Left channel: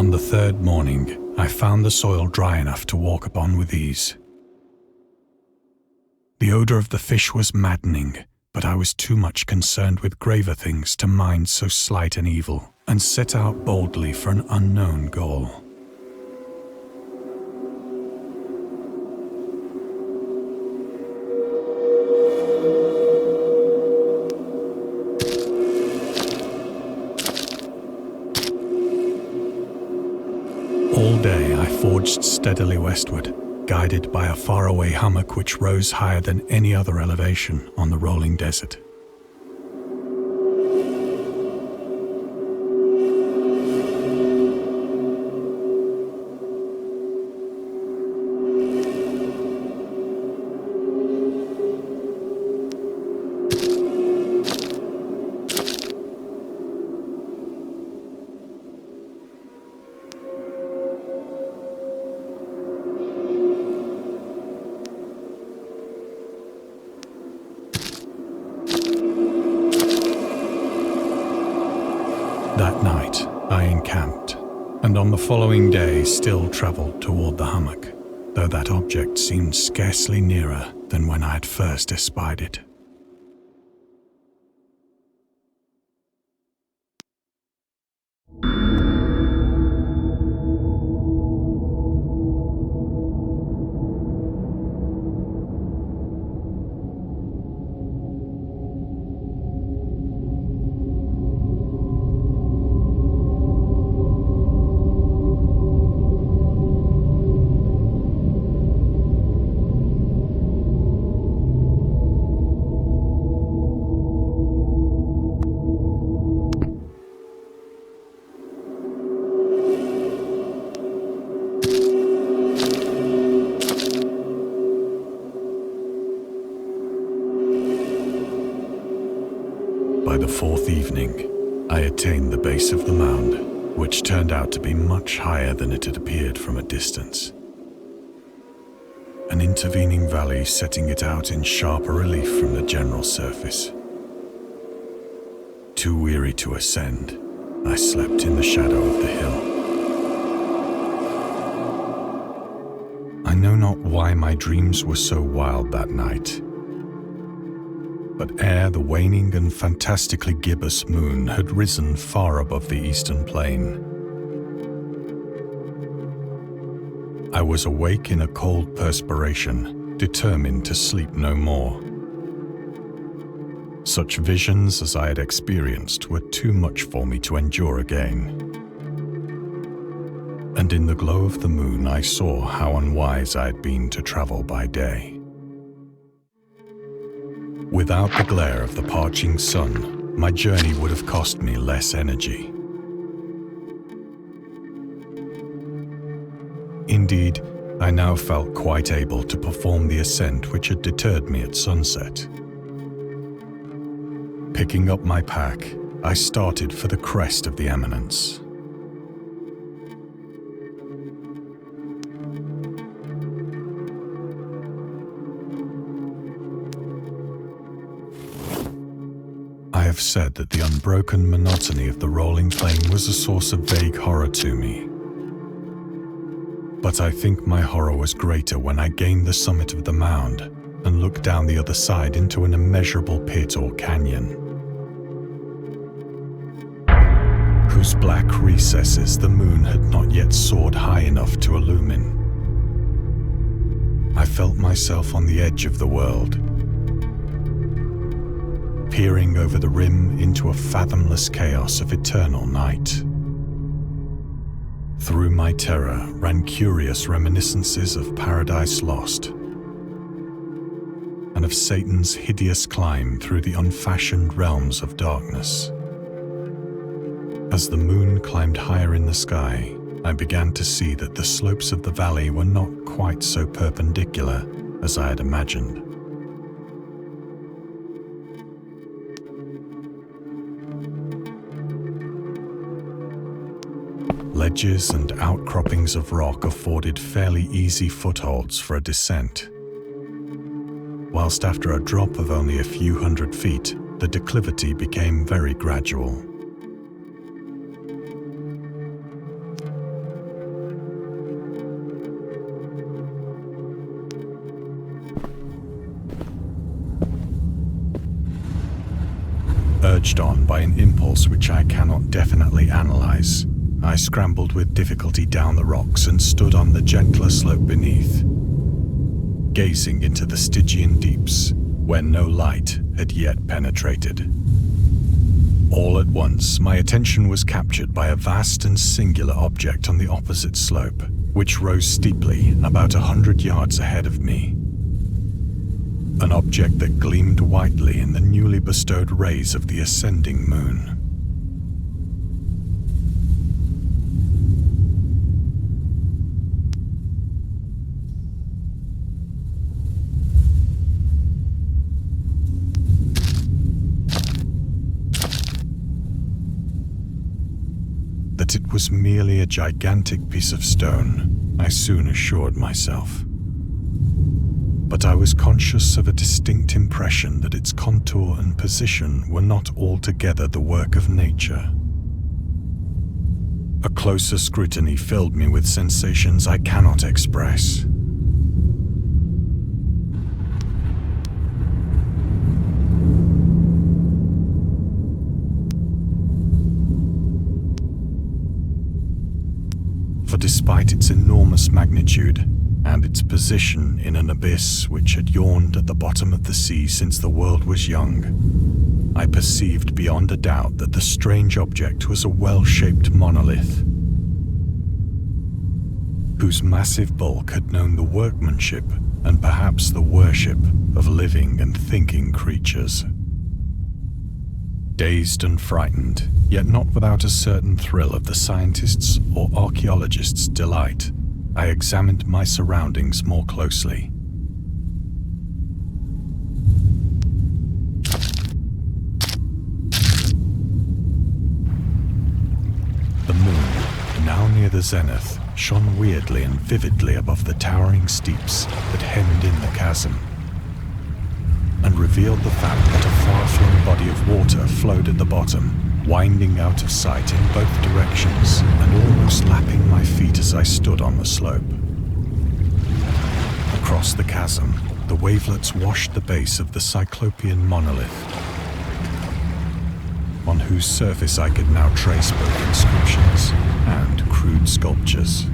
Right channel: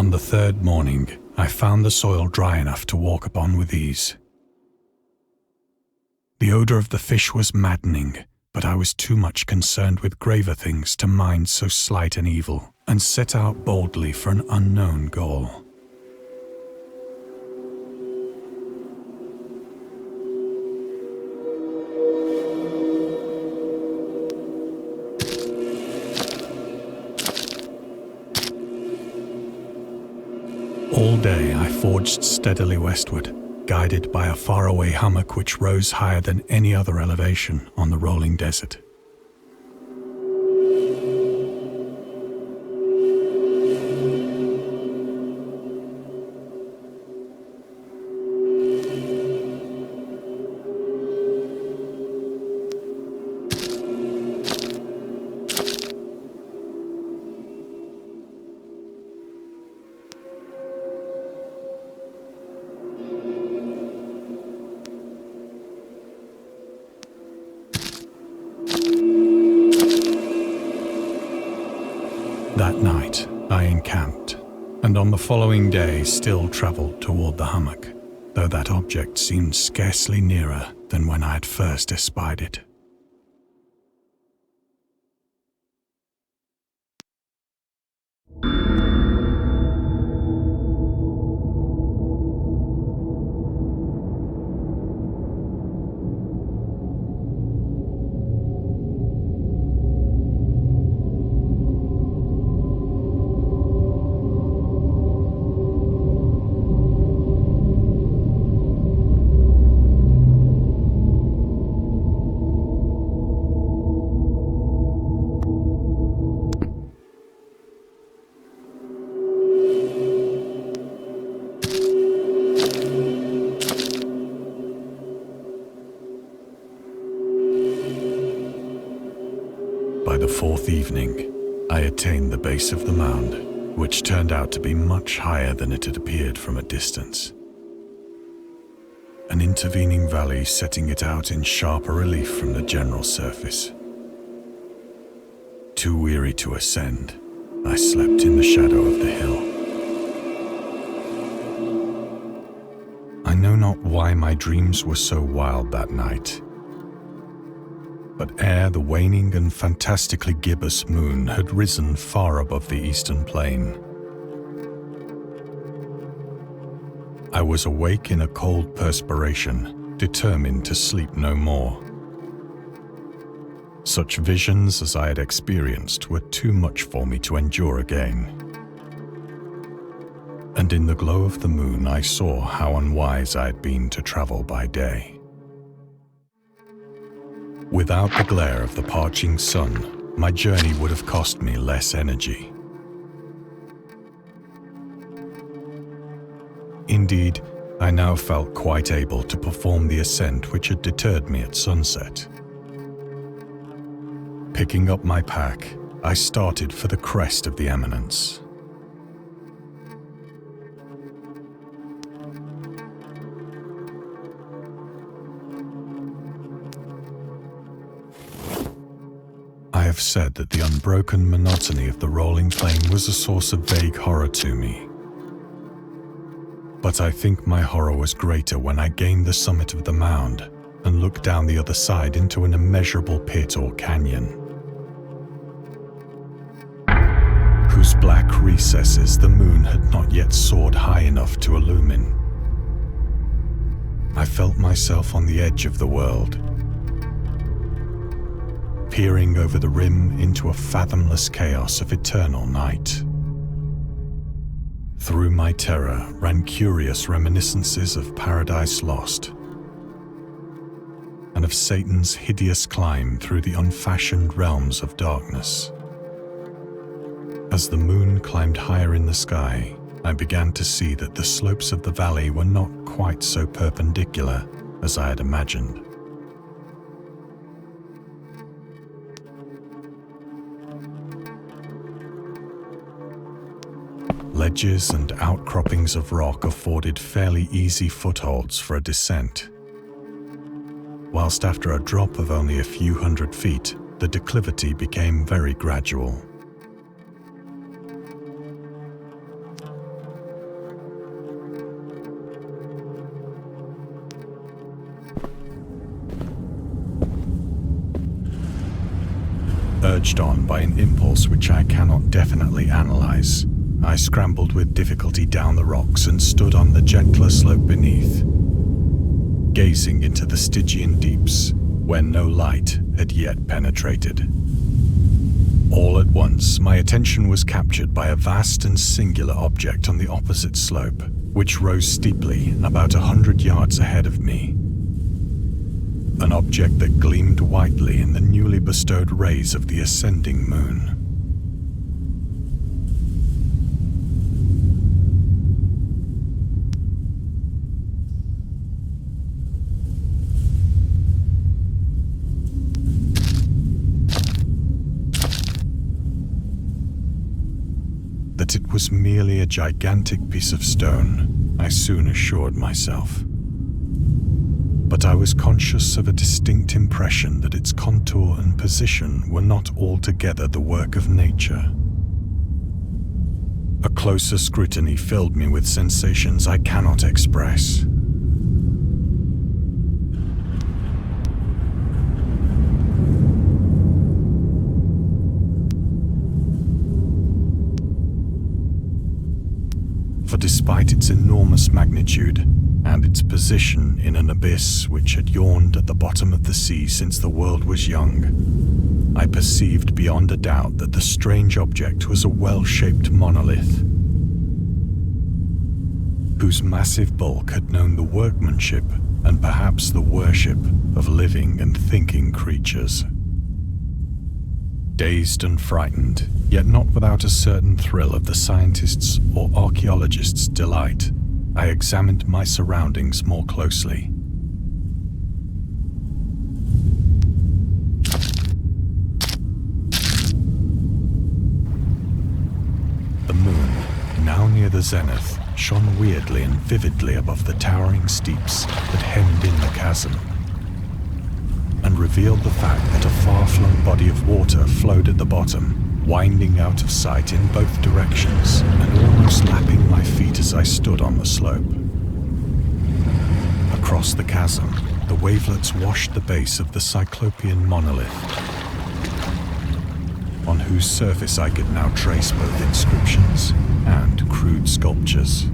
On the third morning, I found the soil dry enough to walk upon with ease. The odor of the fish was maddening, but I was too much concerned with graver things to mind so slight an evil, and set out boldly for an unknown goal. All day I forged steadily westward, guided by a faraway hummock which rose higher than any other elevation on the rolling desert. That night, I encamped, and on the following day still travelled toward the hummock, though that object seemed scarcely nearer than when I had first espied it. By the fourth evening, I attained the base of the mound, which turned out to be much higher than it had appeared from a distance. An intervening valley setting it out in sharper relief from the general surface. Too weary to ascend, I slept in the shadow of the hill. I know not why my dreams were so wild that night, but ere the waning and fantastically gibbous moon had risen far above the eastern plain, I was awake in a cold perspiration, determined to sleep no more. Such visions as I had experienced were too much for me to endure again. And in the glow of the moon I saw how unwise I had been to travel by day. Without the glare of the parching sun, my journey would have cost me less energy. Indeed, I now felt quite able to perform the ascent which had deterred me at sunset. Picking up my pack, I started for the crest of the eminence. I have said that the unbroken monotony of the rolling plain was a source of vague horror to me. But I think my horror was greater when I gained the summit of the mound and looked down the other side into an immeasurable pit or canyon, whose black recesses the moon had not yet soared high enough to illumine. I felt myself on the edge of the world, peering over the rim into a fathomless chaos of eternal night. Through my terror ran curious reminiscences of Paradise Lost, and of Satan's hideous climb through the unfashioned realms of darkness. As the moon climbed higher in the sky, I began to see that the slopes of the valley were not quite so perpendicular as I had imagined. Ledges and outcroppings of rock afforded fairly easy footholds for a descent, whilst after a drop of only a few hundred feet, the declivity became very gradual. urged on by an impulse which I cannot definitely analyze, I scrambled with difficulty down the rocks and stood on the gentler slope beneath, gazing into the Stygian deeps where no light had yet penetrated. All at once, my attention was captured by a vast and singular object on the opposite slope, which rose steeply about 100 yards ahead of me. An object that gleamed whitely in the newly bestowed rays of the ascending moon. That it was merely a gigantic piece of stone, I soon assured myself. But I was conscious of a distinct impression that its contour and position were not altogether the work of nature. A closer scrutiny filled me with sensations I cannot express. For despite its enormous magnitude and its position in an abyss which had yawned at the bottom of the sea since the world was young, I perceived beyond a doubt that the strange object was a well-shaped monolith, whose massive bulk had known the workmanship and perhaps the worship of living and thinking creatures. Dazed and frightened, yet not without a certain thrill of the scientist's or archaeologist's delight, I examined my surroundings more closely. The moon, now near the zenith, shone weirdly and vividly above the towering steeps that hemmed in the chasm, and revealed the fact that a far-flung body of water flowed at the bottom, winding out of sight in both directions and almost lapping my feet as I stood on the slope. Across the chasm, the wavelets washed the base of the cyclopean monolith, on whose surface I could now trace both inscriptions and crude sculptures.